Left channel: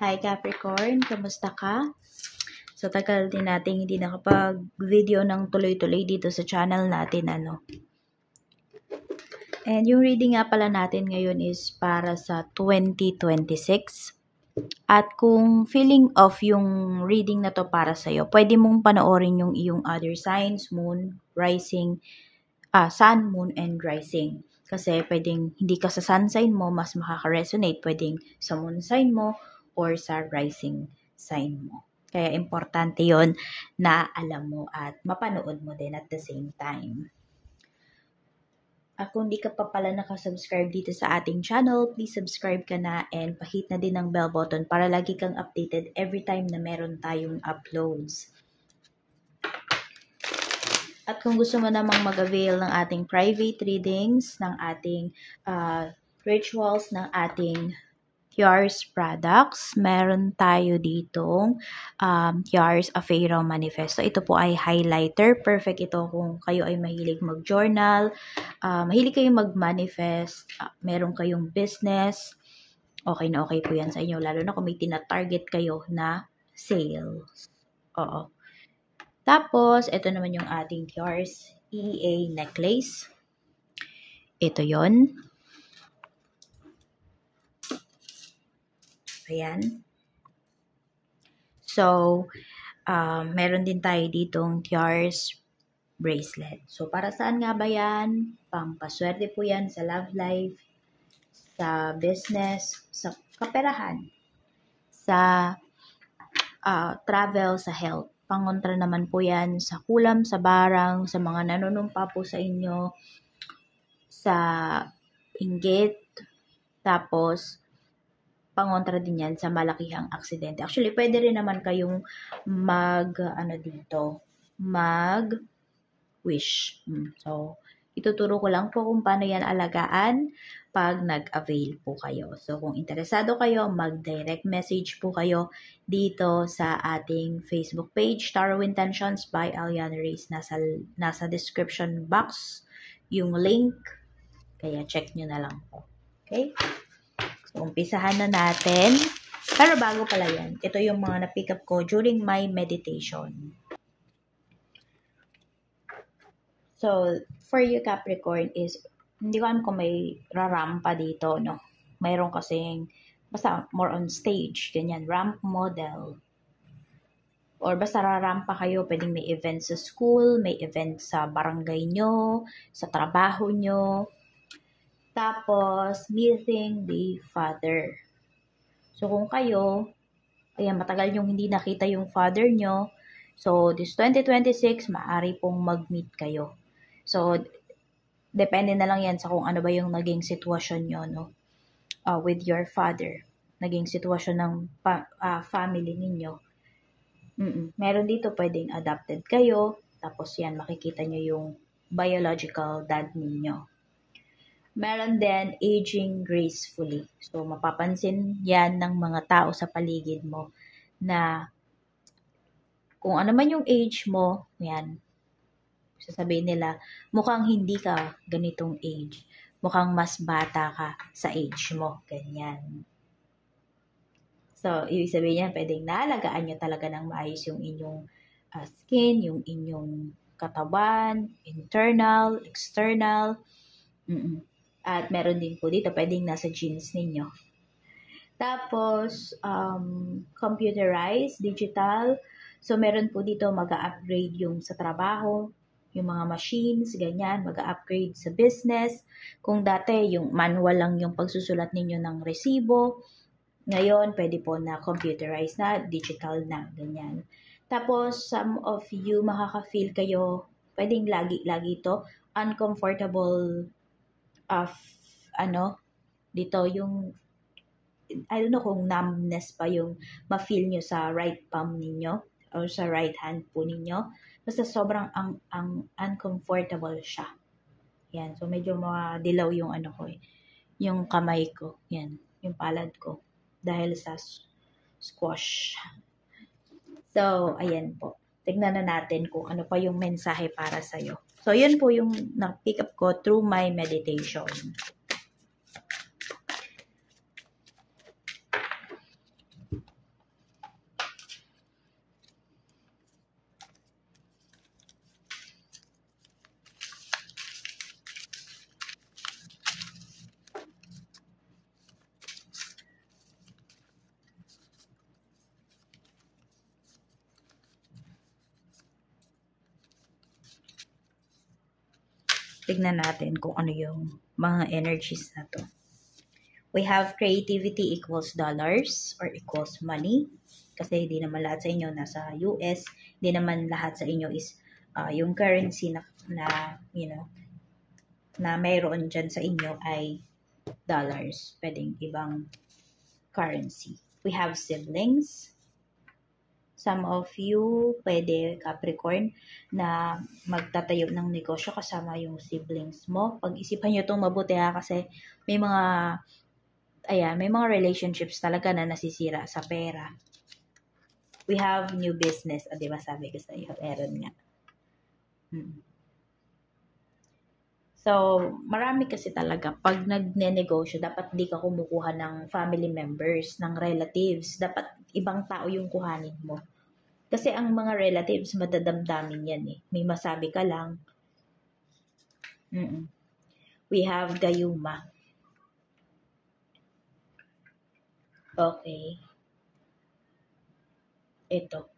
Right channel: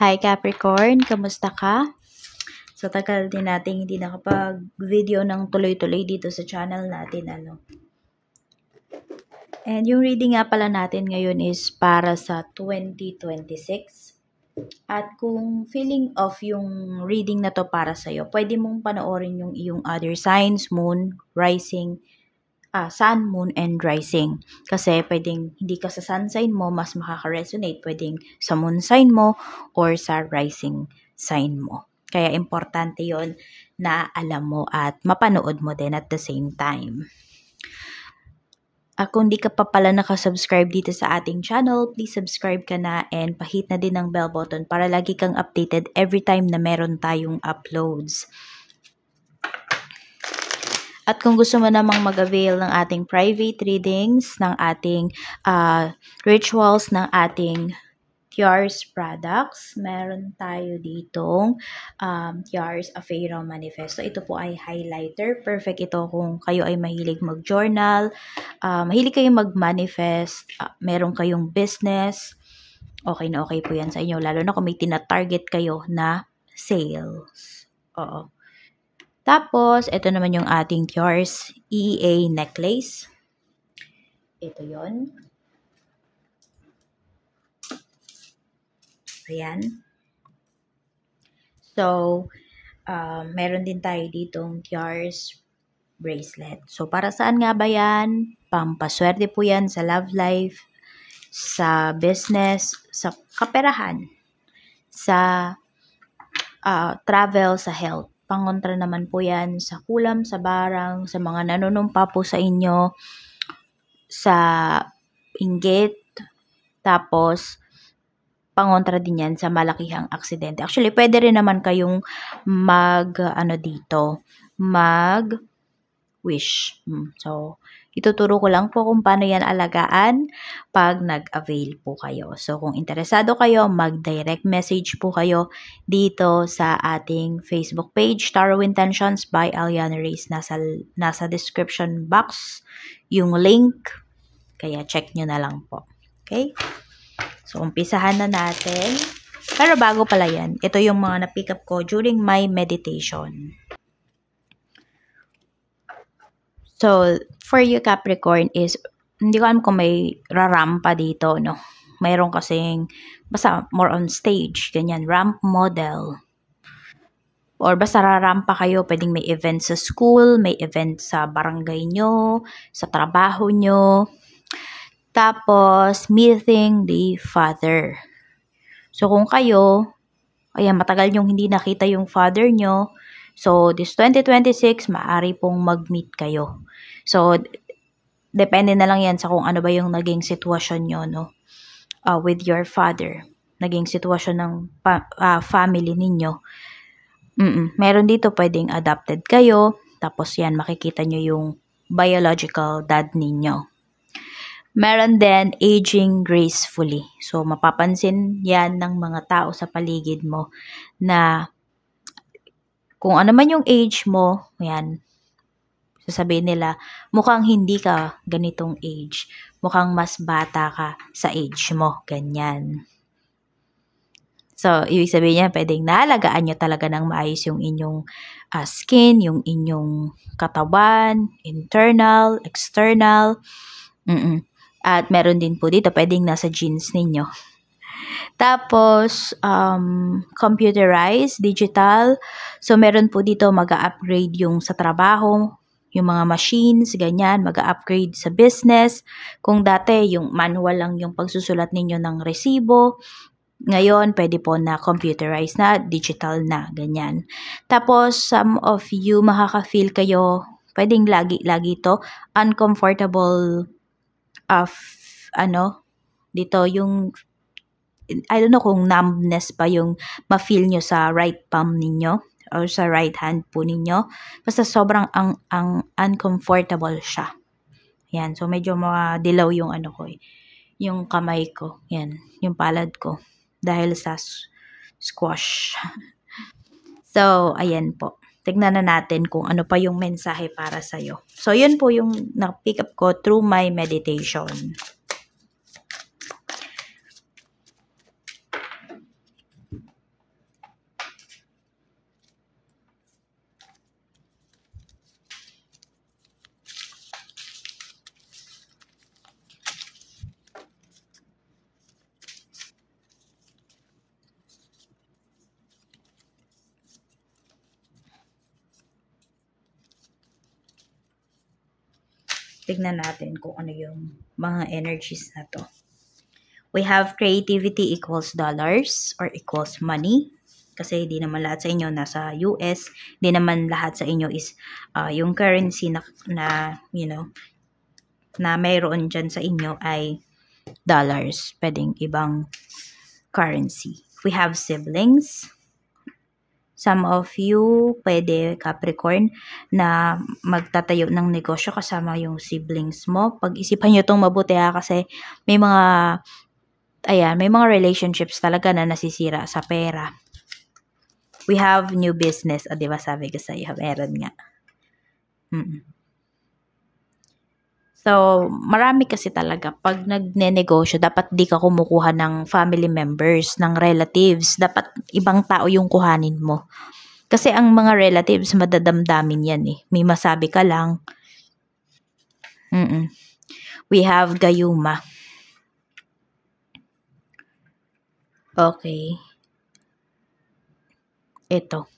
Hi Capricorn, kamusta ka? Sa tagal din natin hindi nakapag-video ng tuloy-tuloy dito sa channel natin, And yung reading nga pala natin ngayon is para sa 2026. At kung feeling of yung reading na to para sa'yo, pwede mong panoorin yung iyong other signs, moon, rising, sun, moon, and rising. Kasi pwedeng hindi ka sa sun sign mo, mas makaka-resonate. Pwedeng sa moon sign mo or sa rising sign mo. Kaya importante yon na alam mo at mapanood mo din at the same time. Kung di ka pa pala nakasubscribe dito sa ating channel, please subscribe ka na and pahit na din ang bell button para lagi kang updated every time na meron tayong uploads. At kung gusto mo namang mag-avail ng ating private readings, ng ating rituals, ng ating Tiars products, meron tayo ditong Tiars Afero Manifesto. Ito po ay highlighter. Perfect ito kung kayo ay mahilig mag-journal, mahilig kayong mag-manifest, meron kayong business. Okay na okay po yan sa inyo, lalo na kung may tina-target kayo na sales. Oo. Tapos, ito naman yung ating Tiars EEA necklace. Ito yon. Ayan. So, meron din tayo ditong Tiars bracelet. So, para saan nga ba yan? Pampaswerte po yan sa love life, sa business, sa kaperahan, sa travel, sa health. Pangontra naman po yan sa kulam, sa barang, sa mga nanunumpa po sa inyo, sa inggit, tapos pangontra din yan sa malakihang aksidente. Actually, pwede rin naman kayong mag-wish. So, ituturo ko lang po kung paano yan alagaan pag nag-avail po kayo. So, kung interesado kayo, mag-direct message po kayo dito sa ating Facebook page, Tarot Intentions by Aliana Reyes. Nasa description box yung link. Kaya check nyo na lang po. Okay? So, umpisahan na natin. Pero bago pala yan, ito yung mga na-pick up ko during my meditation. So, for you Capricorn is, hindi ko alam kung may rarampa dito, no? Mayroon kasing, basta more on stage, ganyan, ramp model. Or basta rarampa kayo, pwedeng may event sa school, may event sa barangay nyo, sa trabaho nyo. Tapos, meeting the Father. So, kung kayo, ayan, matagal yung hindi nakita yung Father nyo, so, this 2026, maaari pong mag-meet kayo. So, depende na lang yan sa kung ano ba yung naging sitwasyon nyo, no? With your Father. Naging sitwasyon ng family ninyo. Meron dito pwedeng adopted kayo, tapos yan, makikita nyo yung biological dad ninyo. Meron din aging gracefully. So, mapapansin yan ng mga tao sa paligid mo na kung ano man yung age mo, yan, sasabihin nila, mukhang hindi ka ganitong age. Mukhang mas bata ka sa age mo. Ganyan. So, ibig sabihin niya, pwedeng naalagaan nyo talaga ng maayos yung inyong skin, yung inyong katawan, internal, external. At meron din po dito, pwedeng nasa genes ninyo. Tapos, computerized, digital. So, meron po dito mag-upgrade yung sa trabaho, yung mga machines, ganyan, mag-upgrade sa business. Kung dati, yung manual lang yung pagsusulat ninyo ng resibo, ngayon, pwede po na computerized na, digital na, ganyan. Tapos, some of you, makaka-feel kayo, pwedeng lagi to, uncomfortable dito yung, I don't know kung numbness pa yung ma-feel nyo sa right palm ninyo or sa right hand po ninyo. Basta sobrang uncomfortable siya. Yan, so medyo madilaw yung yung kamay ko. Yan, yung palad ko. Dahil sa squash. So, ayan po. Tignan na natin kung ano pa yung mensahe para sa'yo. So, yun po yung na-pick up ko through my meditation. tignan natin kung ano yung mga energies na to. We have creativity equals dollars or equals money. Kasi di naman lahat sa inyo nasa US. Di naman lahat sa inyo is yung currency na you know, na mayroon dyan sa inyo ay dollars. Pwedeng ibang currency. We have siblings. Some of you, pwede Capricorn, na magtatayo ng negosyo kasama yung siblings mo. Pag-isipan nyo itong mabuti kasi may mga, may mga relationships talaga na nasisira sa pera. We have new business. O, diba sabi ko sa'yo, meron nga. So, marami kasi talaga. Pag nagne-negosyo, dapat di ka kumukuha ng family members, ng relatives. Dapat ibang tao yung kuhanin mo. Kasi ang mga relatives, madadamdamin yan eh. May masabi ka lang. We have Gayuma. Okay. Ito.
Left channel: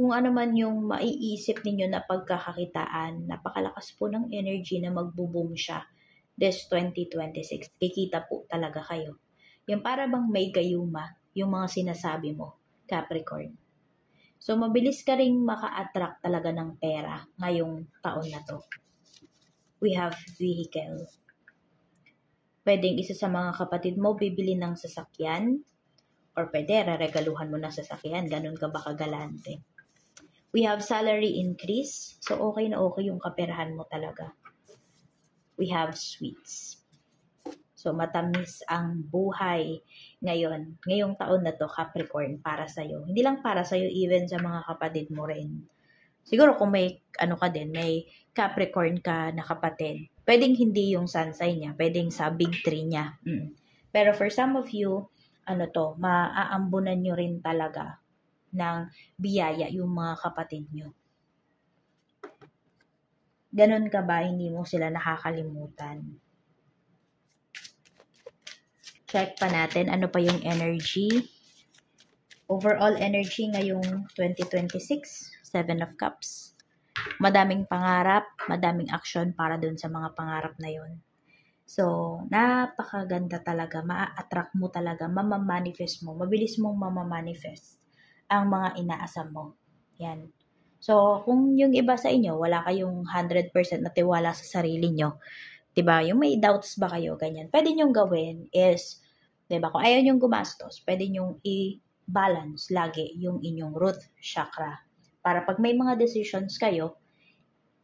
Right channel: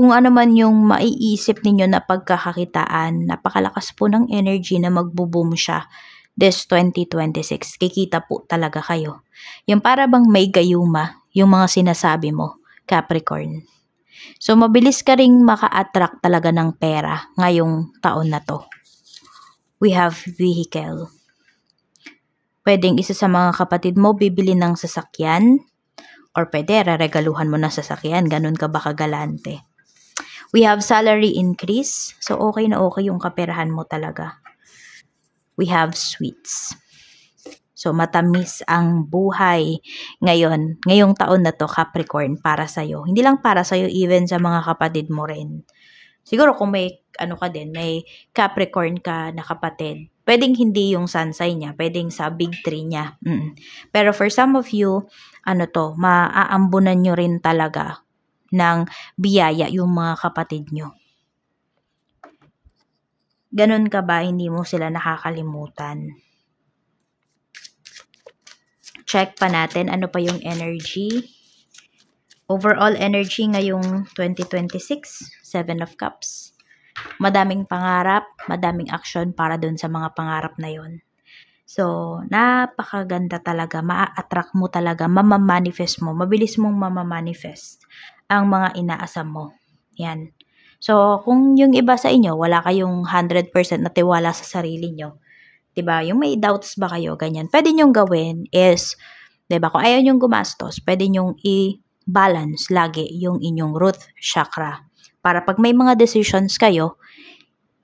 Kung ano man yung maiisip ninyo na pagkakakitaan, napakalakas po ng energy na magbo-boom siya this 2026. Kikita po talaga kayo. Yung para bang may gayuma, yung mga sinasabi mo, Capricorn. So, mabilis ka ring maka-attract talaga ng pera ngayong taon na to. We have vehicle. Pwedeng isa sa mga kapatid mo bibili ng sasakyan or pwede regaluhan mo ng sasakyan. Ganun ka ba kagalante? We have salary increase. So, okay na okay yung kaperahan mo talaga. We have sweets. So, matamis ang buhay ngayong taon na to, Capricorn, para sa'yo. Hindi lang para sa'yo, even sa mga kapatid mo rin. Siguro kung may, may Capricorn ka na kapatid, pwedeng hindi yung sun sign niya, pwedeng sa big 3 niya. Pero for some of you, maaambunan nyo rin talaga ng biyaya yung mga kapatid nyo. Ganun ka ba? Hindi mo sila nakakalimutan. Check pa natin ano pa yung energy. Overall energy ngayong 2026, 7 of Cups. Madaming pangarap, madaming action para dun sa mga pangarap na yon. So, napakaganda talaga. Ma-attract mo talaga, mamamanifest mo. Mabilis mong mamamanifest ang mga inaasam mo. Yan. So, kung yung iba sa inyo, wala kayong 100% na tiwala sa sarili nyo, diba? Yung may doubts ba kayo, ganyan. Pwede nyong gawin is, diba? Kung ayaw nyong gumastos, pwede nyong i-balance lagi yung inyong root chakra. Para pag may mga decisions kayo,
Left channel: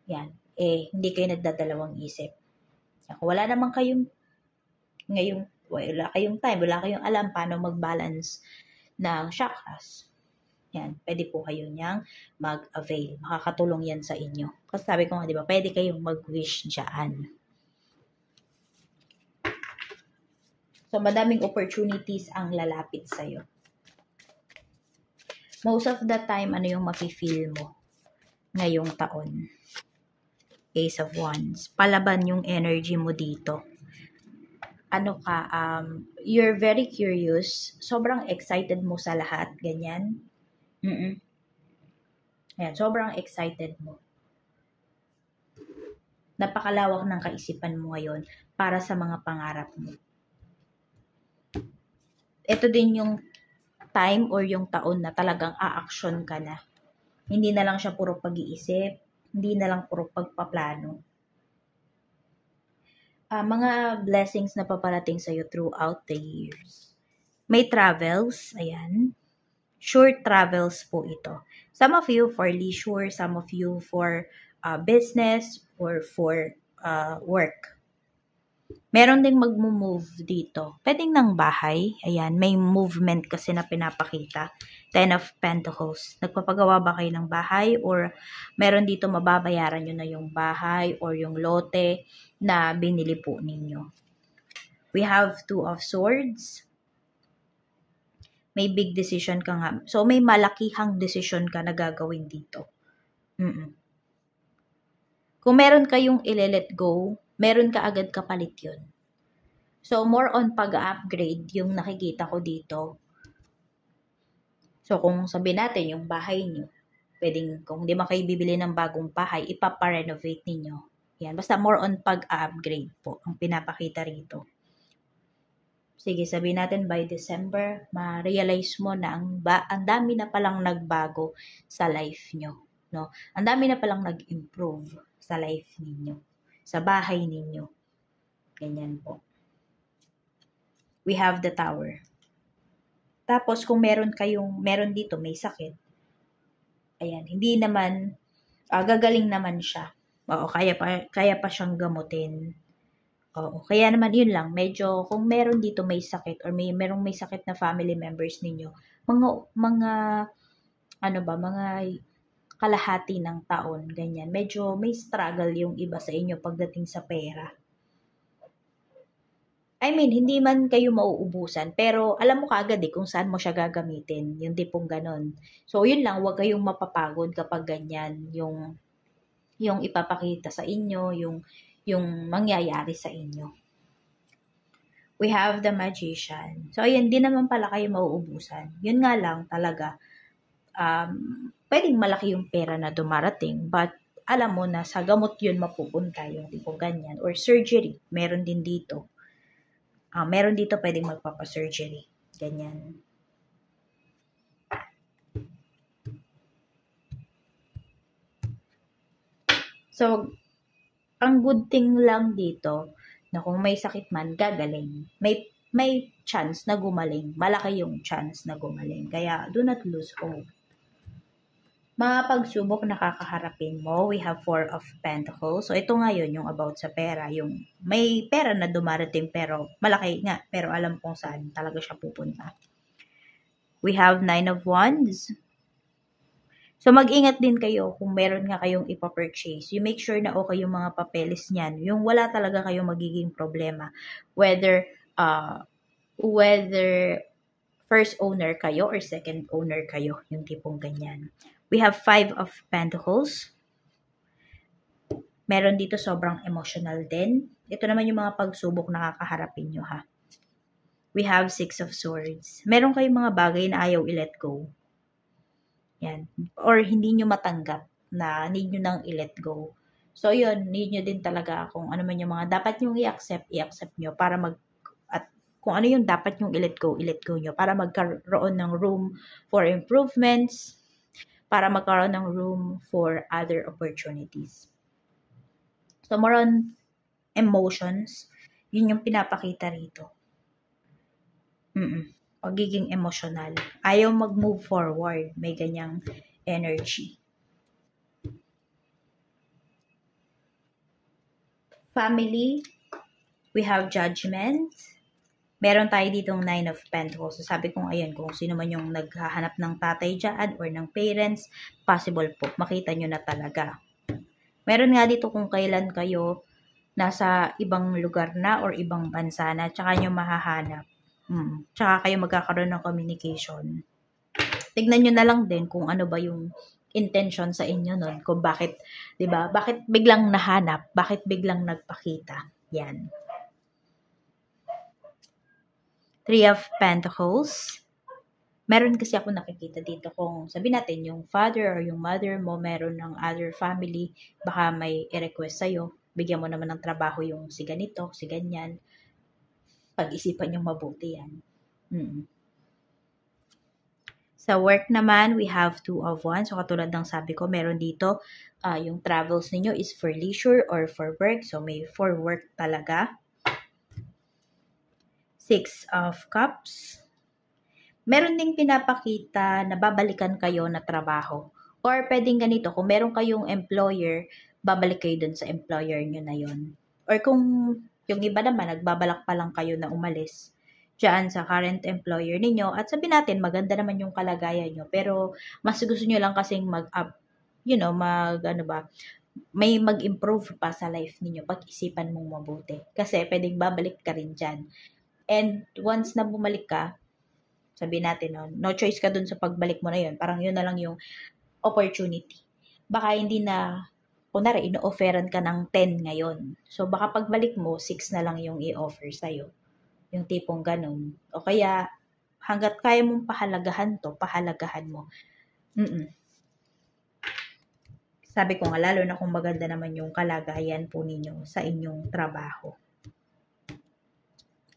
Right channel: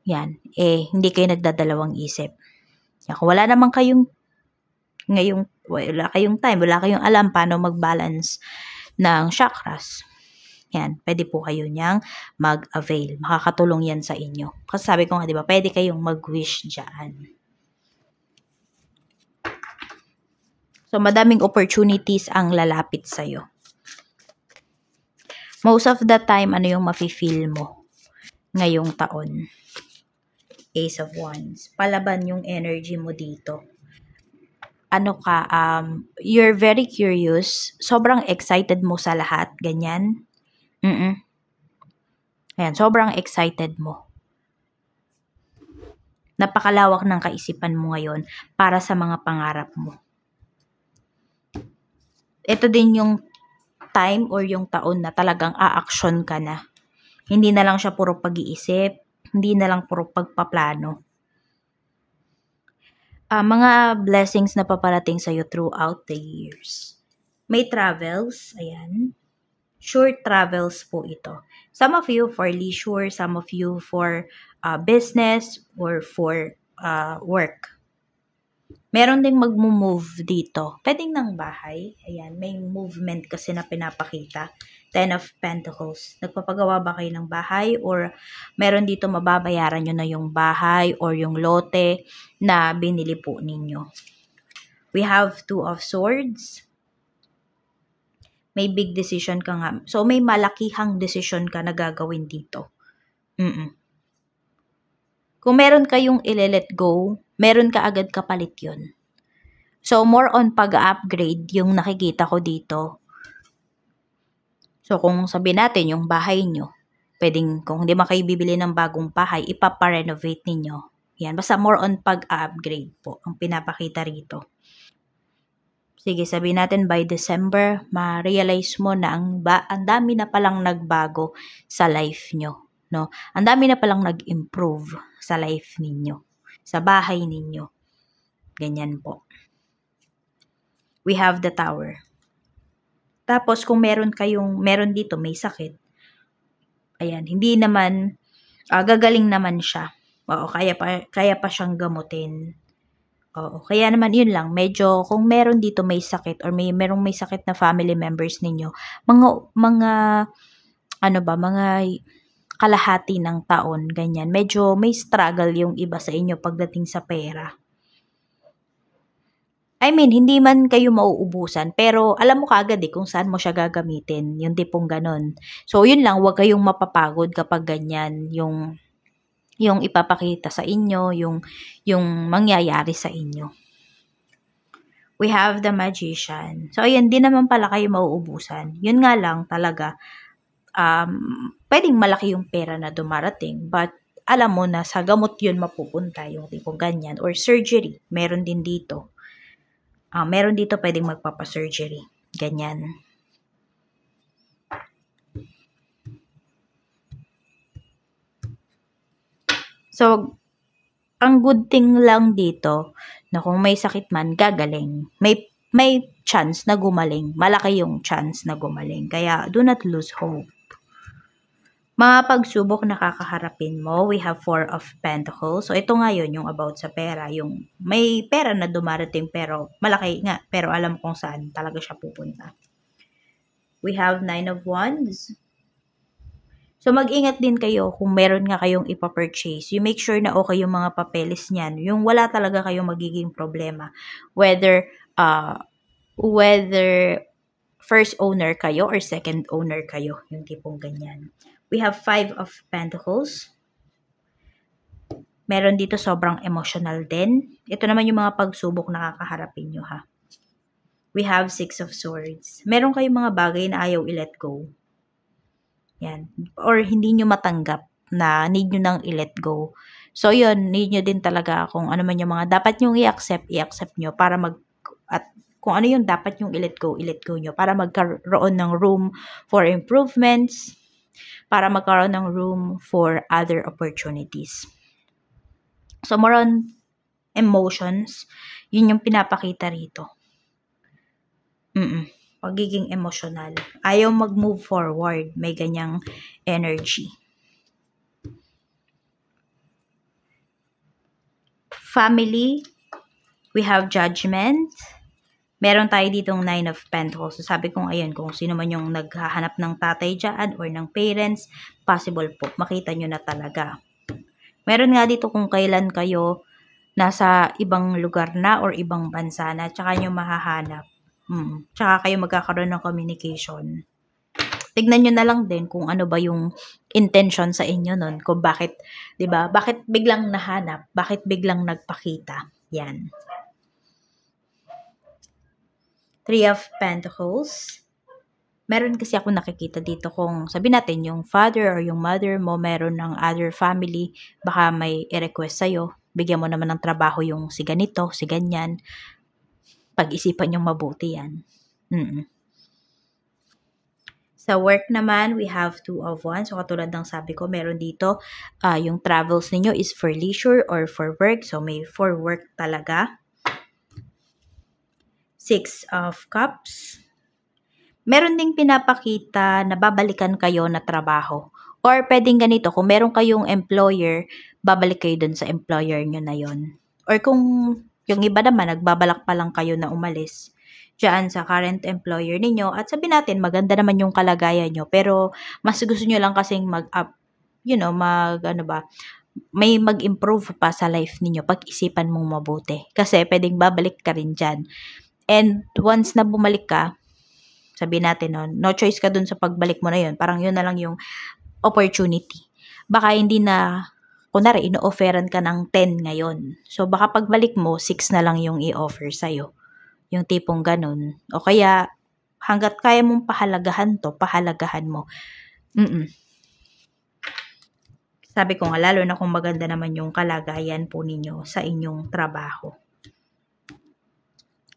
yan, hindi kayo nagdadalawang isip. Yan, kung wala naman kayong wala kayong time, wala kayong alam paano mag-balance ng chakras, yan, pwede po kayo niyang mag-avail. Makakatulong yan sa inyo. Kasi sabi ko nga, di ba, pwede kayong mag-wish dyan. So, madaming opportunities ang lalapit sa'yo. Most of the time, ano yung mafe-feel mo ngayong taon? Ace of Wands. Palaban yung energy mo dito. You're very curious. Sobrang excited mo sa lahat. Ganyan. Ayan, sobrang excited mo. Napakalawak ng kaisipan mo ngayon para sa mga pangarap mo. Ito din yung time or yung taon na talagang a-action ka na. Hindi na lang siya puro pag-iisip, hindi na lang puro pagpaplano. Mga blessings na paparating sa'yo throughout the years. May travels, ayan. Short travels po ito. Some of you for leisure, some of you for business or for work. Meron ding mag-move dito. Pwedeng ng bahay. Ayan, may movement kasi na pinapakita. 10 of Pentacles. Nagpapagawa ba kayo ng bahay or meron dito mababayaran nyo na yung bahay or yung lote na binili po ninyo. We have 2 of Swords. May big decision ka nga. So, may malakihang decision ka na gagawin dito. Kung meron kayong ile-let go, meron ka agad kapalit yun. So, more on pag-upgrade yung nakikita ko dito. So, kung sabihin natin yung bahay nyo, pwedeng kung hindi man kayo bibili ng bagong bahay, ipapa-renovate ninyo. Yan, basta more on pag-upgrade po ang pinapakita rito. Sige, sabihin natin by December, ma-realize mo na ang dami na palang nagbago sa life nyo. No? Ang dami na palang nag-improve sa life ninyo, sa bahay ninyo. Ganyan po. We have the Tower. Tapos, kung meron dito, may sakit. Ayan, hindi naman, gagaling naman siya. Oo, kaya pa siyang gamutin. Oo, kaya naman yun lang, medyo kung meron dito may sakit or merong may sakit na family members ninyo, mga mga kalahati ng taon, ganyan. Medyo may struggle yung iba sa inyo pagdating sa pera. I mean, hindi man kayo mauubusan, pero alam mo kaagad kung saan mo siya gagamitin, yung tipong ganon. So, yun lang, huwag kayong mapapagod kapag ganyan, yung ipapakita sa inyo, yung mangyayari sa inyo. We have the Magician. So, ayan, di naman pala kayo mauubusan. Yun nga lang talaga, pwedeng malaki yung pera na dumarating, but alam mo na sa gamot yun mapupunta, yung tipong ganyan. Or surgery, meron din dito. Meron dito pwedeng magpapa-surgery. Ganyan. So, ang good thing lang dito, na kung may sakit man, gagaling. May chance na gumaling. Malaki yung chance na gumaling. Kaya, do not lose hope. Mga pagsubok na kakaharapin mo, we have 4 of Pentacles. So, ito nga yun, yung about sa pera. Yung may pera na dumarating pero malaki nga. Pero alam kung saan talaga siya pupunta. We have 9 of Wands. So, mag-ingat din kayo kung meron nga kayong ipapurchase. You make sure na okay yung mga papeles niyan. Yung wala talaga kayong magiging problema. Whether first owner kayo or second owner kayo. Yung tipong ganyan. We have 5 of Pentacles. Meron dito sobrang emotional din. Ito naman yung mga pagsubok na kakaharapin nyo, ha. We have 6 of Swords. Meron kayong mga bagay na ayaw i-let go. Yan. Or hindi nyo matanggap na need nyo nang i-let go. So, yun, need nyo din talaga kung ano man yung mga dapat nyong i-accept nyo para at kung ano yung dapat nyong i-let go nyo para magkaroon ng room for improvements, para magkaroon ng room for other opportunities. So, more on emotions, yun yung pinapakita rito. Pagiging emotional. Ayaw mag-move forward. May ganyang energy. Family, we have Judgment. Meron tayo ditong 9 of Pentacles. So, sabi kong ayun, kung sino man yung naghahanap ng tatay dyan or ng parents, possible po. Makita nyo na talaga. Meron nga dito kung kailan kayo nasa ibang lugar na or ibang bansa na, tsaka nyo mahahanap. Tsaka kayo magkakaroon ng communication. Tignan nyo na lang din kung ano ba yung intention sa inyo nun. Kung bakit, diba? Bakit biglang nahanap? Bakit biglang nagpakita? Yan. 3 of Pentacles. Meron kasi ako nakikita dito kung sabi natin yung father or yung mother mo meron ng other family, baka may i-request sa'yo. Bigyan mo naman ng trabaho yung si ganito, si ganyan. Pag-isipan yung mabuti yan. Sa work naman, we have 2 of Wands. So, katulad ng sabi ko, meron dito, yung travels ninyo is for leisure or for work. So, may for work talaga. 6 of Cups. Meron ding pinapakita na babalikan kayo na trabaho. Or pwedeng ganito, kung meron kayong employer, babalik kayo dun sa employer nyo na yon. Or kung yung iba naman, nagbabalak pa lang kayo na umalis dyan sa current employer ninyo. At sabi natin, maganda naman yung kalagayan nyo. Pero mas gusto nyo lang kasing mag-up, may mag-improve pa sa life ninyo. Pag-isipan mong mabuti. Kasi pwedeng babalik ka rin dyan. And once na bumalik ka, sabi natin no choice ka dun sa pagbalik mo na yun. Parang yun na lang yung opportunity. Baka hindi na, kunwari, ino-offeran ka ng 10 ngayon. So, baka pagbalik mo, 6 na lang yung i-offer sa'yo. Yung tipong ganun. O kaya, hanggat kaya mong pahalagahan to, pahalagahan mo. Sabi ko nga, lalo na kung maganda naman yung kalagayan po ninyo sa inyong trabaho.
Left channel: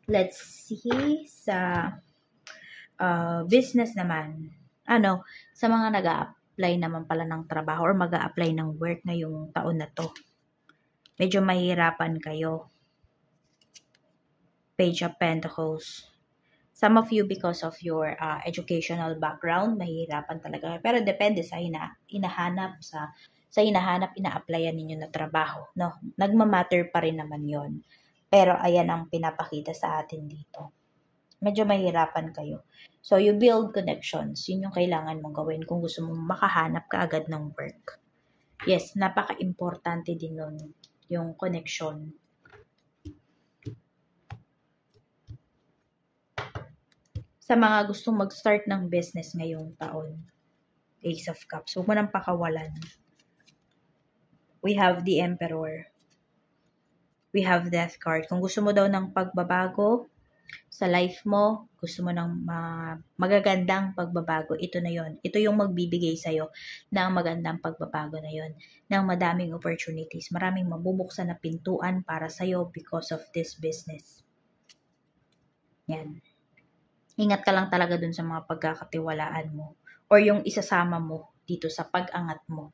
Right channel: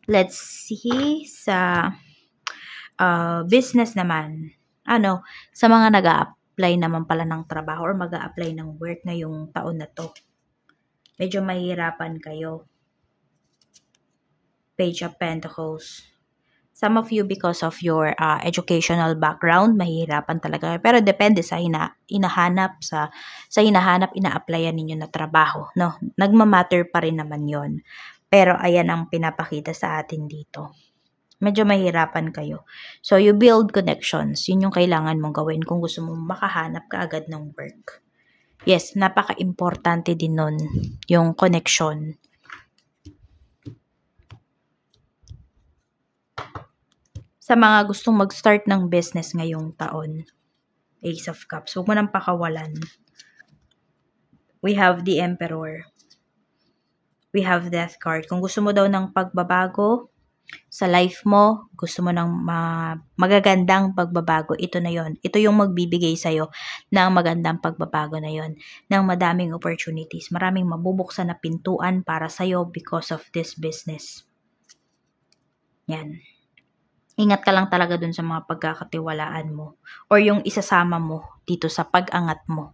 Let's see sa business naman. Sa mga nag-a-apply naman pala ng trabaho or mag-a-apply ng work ngayong taon na to. Medyo mahirapan kayo. Page of Pentacles. Some of you, because of your educational background, mahihirapan talaga kayo. Pero depende sa hinahanap, ina-applyan ninyo na trabaho. No? Nagmamatter pa rin naman yon. Pero ayan ang pinapakita sa atin dito. Medyo mahirapan kayo. So, you build connections. Yun yung kailangan mong gawin kung gusto mong makahanap ka agad ng work. Yes, napaka-importante din nun, yung connection. Sa mga gustong mag-start ng business ngayong taon, Ace of Cups, huwag mo nang pakawalan. We have the Emperor. We have Death card. Kung gusto mo daw ng pagbabago sa life mo, gusto mo ng magagandang pagbabago, ito na yon. Ito yung magbibigay sa'yo ng magandang pagbabago na yon, ng madaming opportunities. Maraming mabubuksan na pintuan para sa'yo because of this business. Yan. Ingat ka lang talaga dun sa mga pagkakatiwalaan mo or yung isasama mo dito sa pag-angat mo.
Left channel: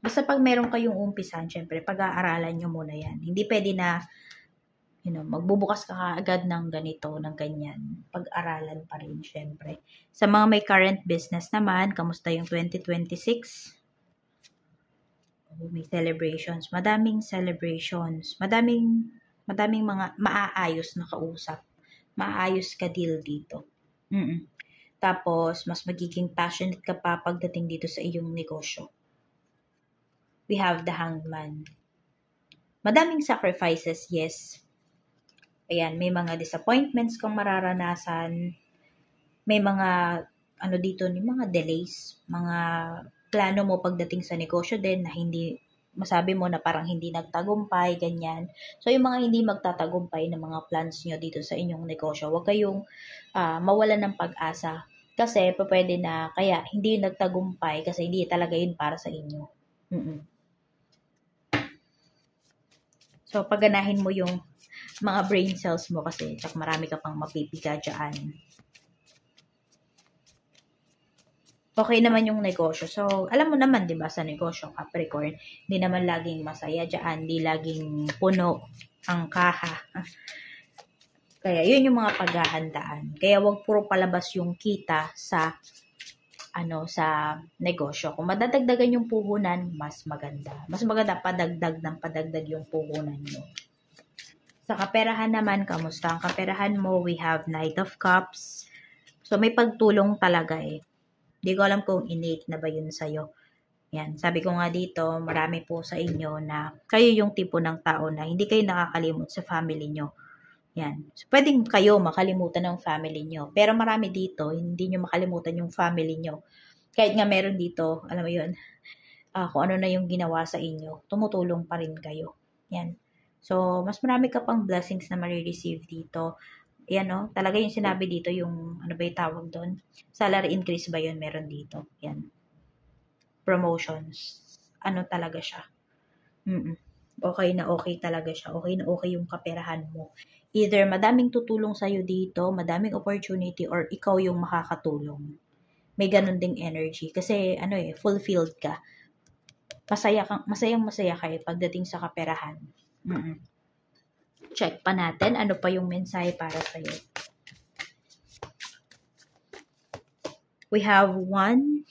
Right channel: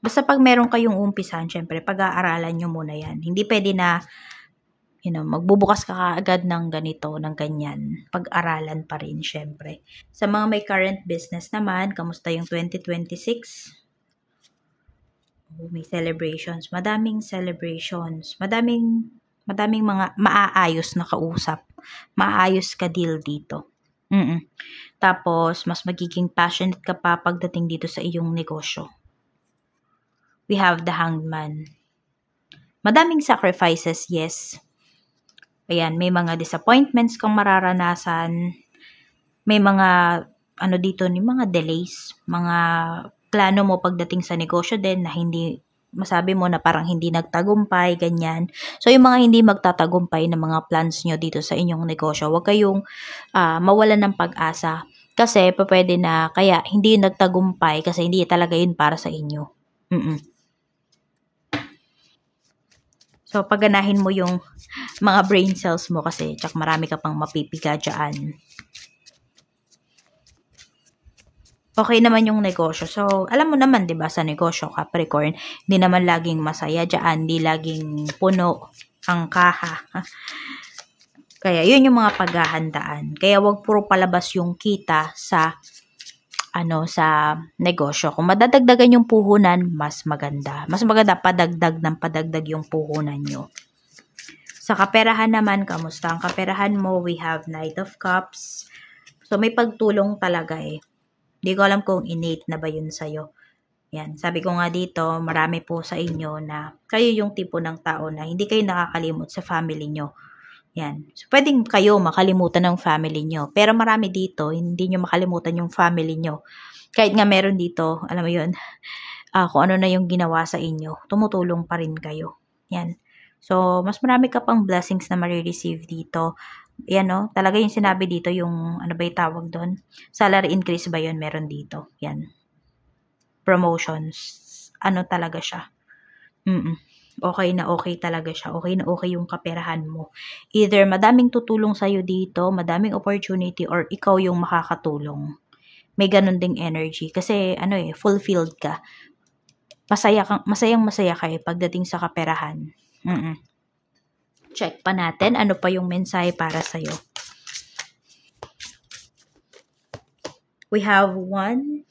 Basta pag meron kayong umpisan, syempre, pag-aaralan nyo muna yan. Hindi pwede na, magbubukas ka agad ng ganito, ng ganyan. Pag-aralan pa rin, syempre. Sa mga may current business naman, kamusta yung 2026? May celebrations. Madaming celebrations. Madaming mga maaayos na kausap. Maayos ka deal dito. Tapos, mas magiging passionate ka pa pagdating dito sa iyong negosyo. We have the Hanged Man. Madaming sacrifices, yes. Ayan, may mga disappointments kang mararanasan. May mga, mga delays, mga plano mo pagdating sa negosyo din na hindi, masabi mo na parang hindi nagtagumpay, ganyan. So, yung mga hindi magtatagumpay na mga plans nyo dito sa inyong negosyo, huwag kayong mawalan ng pag-asa. Kasi, pwede na, kaya hindi nagtagumpay kasi hindi talaga yun para sa inyo. So, pagganahin mo yung mga brain cells mo kasi tsak marami ka pang mapipiga dyan. Okay naman yung negosyo. So, alam mo naman, 'di ba, sa negosyo, Capricorn, hindi naman laging masaya diyan, hindi laging puno ang kaha. Kaya, yun yung mga paghahandaan. Kaya, wag puro palabas yung kita sa sa negosyo. Kung madadagdagan yung puhunan, mas maganda. Mas maganda padagdag yung puhunan nyo. Sa kaperahan naman, kamusta ang kaperahan mo? We have Knight of Cups. So, may pagtulong talaga eh. Hindi ko alam kung innate na ba yun sa'yo. Yan. Sabi ko nga dito, marami po sa inyo na kayo yung tipo ng tao na hindi kayo nakakalimot sa family nyo. Yan. So, pwedeng kayo makalimutan ng family nyo. Pero marami dito, hindi nyo makalimutan yung family nyo. Kahit nga meron dito, alam mo yun, kung ano na yung ginawa sa inyo, tumutulong pa rin kayo. Yan. So, mas marami ka pang blessings na marireceive dito. Yan, no? Talaga yung sinabi dito, yung, ano ba yung tawag doon? Salary increase ba yun? Meron dito. Yan. Promotions. Ano talaga siya? Okay na okay talaga siya. Okay na okay yung kaperahan mo. Either madaming tutulong sa'yo dito, madaming opportunity, or ikaw yung makakatulong. May ganun ding energy. Kasi, fulfilled ka. Masayang masaya ka pagdating sa kaperahan. Check pa natin ano pa yung mensahe para sa'yo. We have 1,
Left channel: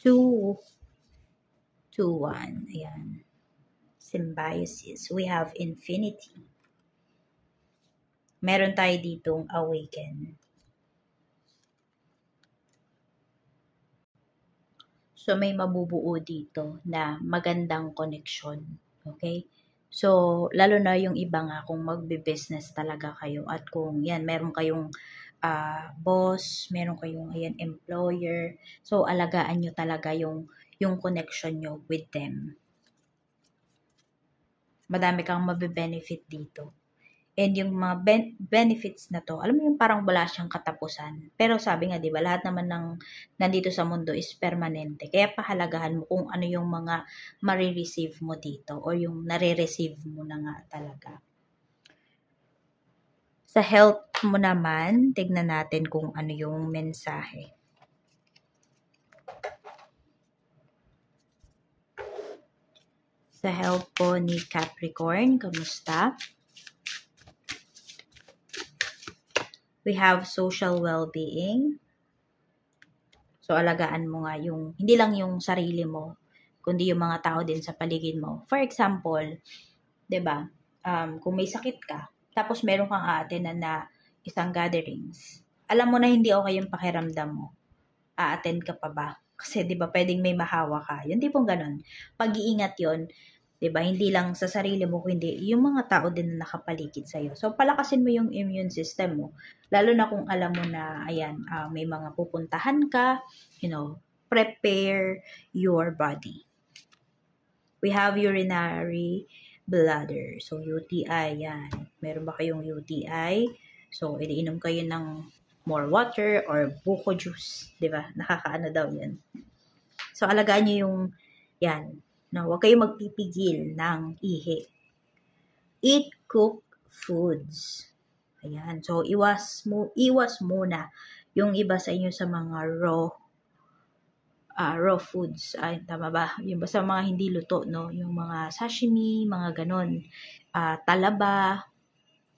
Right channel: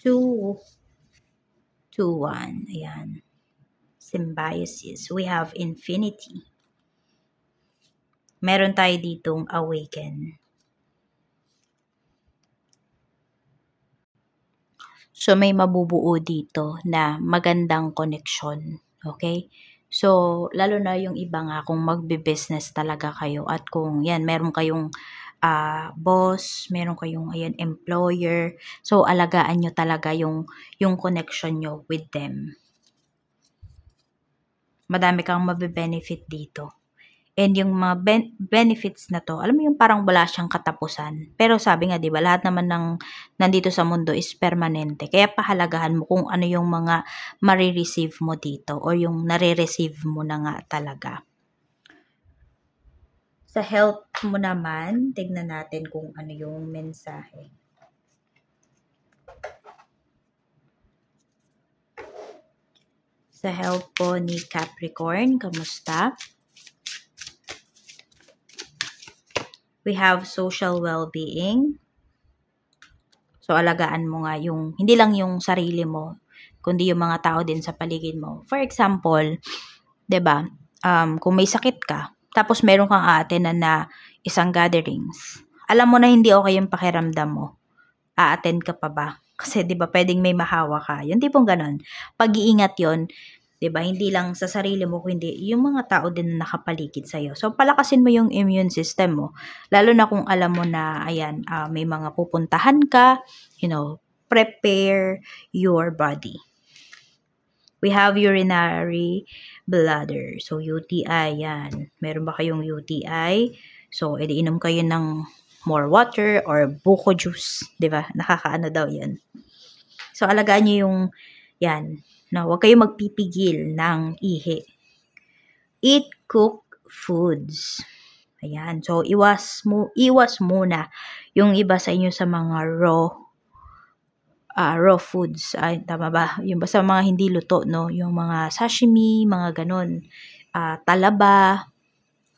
2, 1. Ayan. Symbiosis. We have Infinity. Meron tayo ditong Awaken. So, may mabubuo dito na magandang connection. Okay? So, lalo na yung iba nga kung magbe-business talaga kayo at kung yan, meron kayong boss, meron kayong employer. So, alagaan nyo talaga yung connection nyo with them. Madami kang mabe-benefit dito. And yung mga benefits na to, alam mo yung parang wala siyang katapusan. Pero sabi nga, di ba, lahat naman ng nandito sa mundo is permanente. Kaya pahalagahan mo kung ano yung mga marireceive mo dito or yung nare-receive mo na nga talaga. Sa health mo naman, tignan natin kung ano yung mensahe. Sa health po ni Capricorn, kamusta? We have social well-being. So, alagaan mo nga yung, hindi lang yung sarili mo, kundi yung mga tao din sa paligid mo. For example, 'di ba? Kung may sakit ka, tapos meron kang a-attendan na isang gatherings. Alam mo na hindi okay yung pakiramdam mo. A-attend ka pa ba? Kasi 'di ba, pwedeng may mahawa ka. Yung tipong ganun. Pag-iingat 'yon, 'di ba? Hindi lang sa sarili mo, kundi yung mga tao din na nakapaligid sa iyo. So palakasin mo yung immune system mo. Lalo na kung alam mo na ayan, may mga pupuntahan ka, prepare your body. We have urinary bladder. So, UTI, yan. Meron ba kayong UTI? So, edi inom kayo ng more water or buko juice. Diba? Nakakaano daw yan. So, alagaan nyo yung, yan, na huwag kayong magpipigil ng ihi. Eat cooked foods. Ayan. So, iwas muna yung iba sa inyo sa mga raw foods. Ay, tama ba? Yung basta mga hindi luto, no? Yung mga sashimi, mga ganon. Talaba.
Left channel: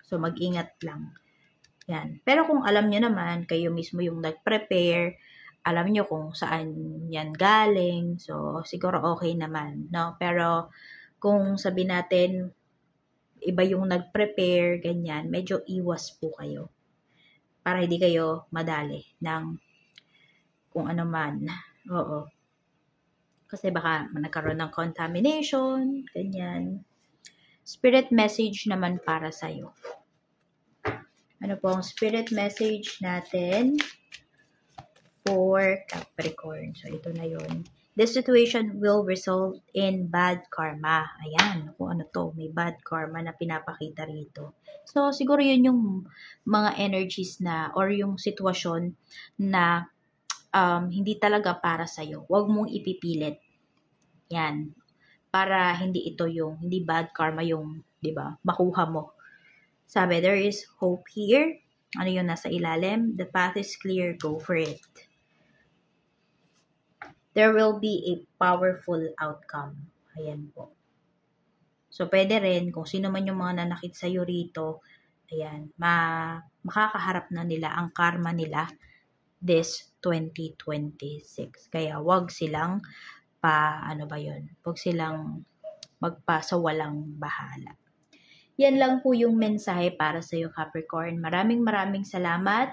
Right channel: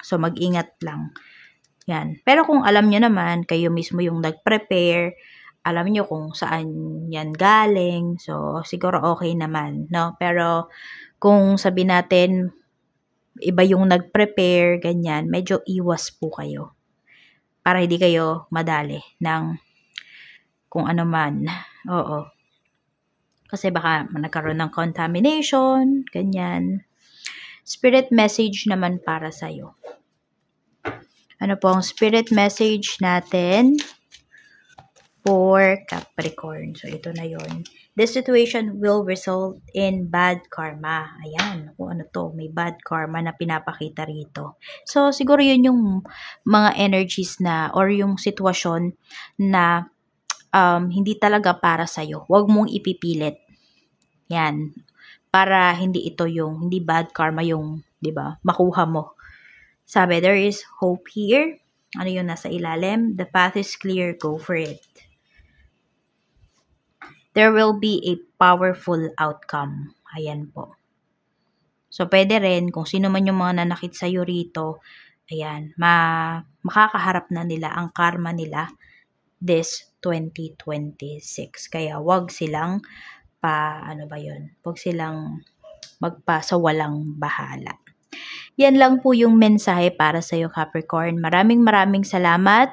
So, mag-ingat lang. Yan. Pero kung alam nyo naman, kayo mismo yung nag-prepare, alam nyo kung saan yan galing. So, siguro okay naman, no? Pero, kung sabi natin, iba yung nag-prepare, ganyan, medyo iwas po kayo. Para hindi kayo madali ng kung ano man. Oo. Kasi baka nagkaroon ng contamination, ganyan. Spirit message naman para sa'yo. Ano po ang spirit message natin for Capricorn? So, ito na yon. This situation will result in bad karma. Ayan, kung ano to, may bad karma na pinapakita rito. So, siguro yun yung mga energies na, or yung sitwasyon na hindi talaga para sa'yo. Huwag mong ipipilit. Yan. Para hindi ito yung, hindi bad karma yung, di ba, makuha mo. Sabi, there is hope here. Ano yung nasa ilalim? The path is clear. Go for it. There will be a powerful outcome. Ayan po. So, pwede rin, kung sino man yung mga nanakit sa'yo rito, ayan, makakaharap na nila ang karma nila this 2026. Kaya, wag silang wag silang magpasawalang bahala. Yan lang po yung mensahe para sa iyo, Capricorn. Maraming salamat.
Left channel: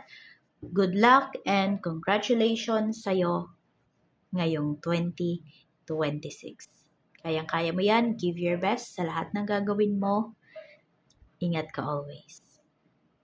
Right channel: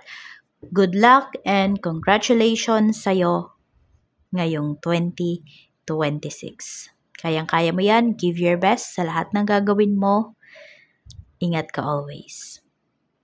Good luck and congratulations sa iyo ngayong 2026. Kayang-kaya mo yan. Give your best sa lahat ng gagawin mo. Ingat ka always.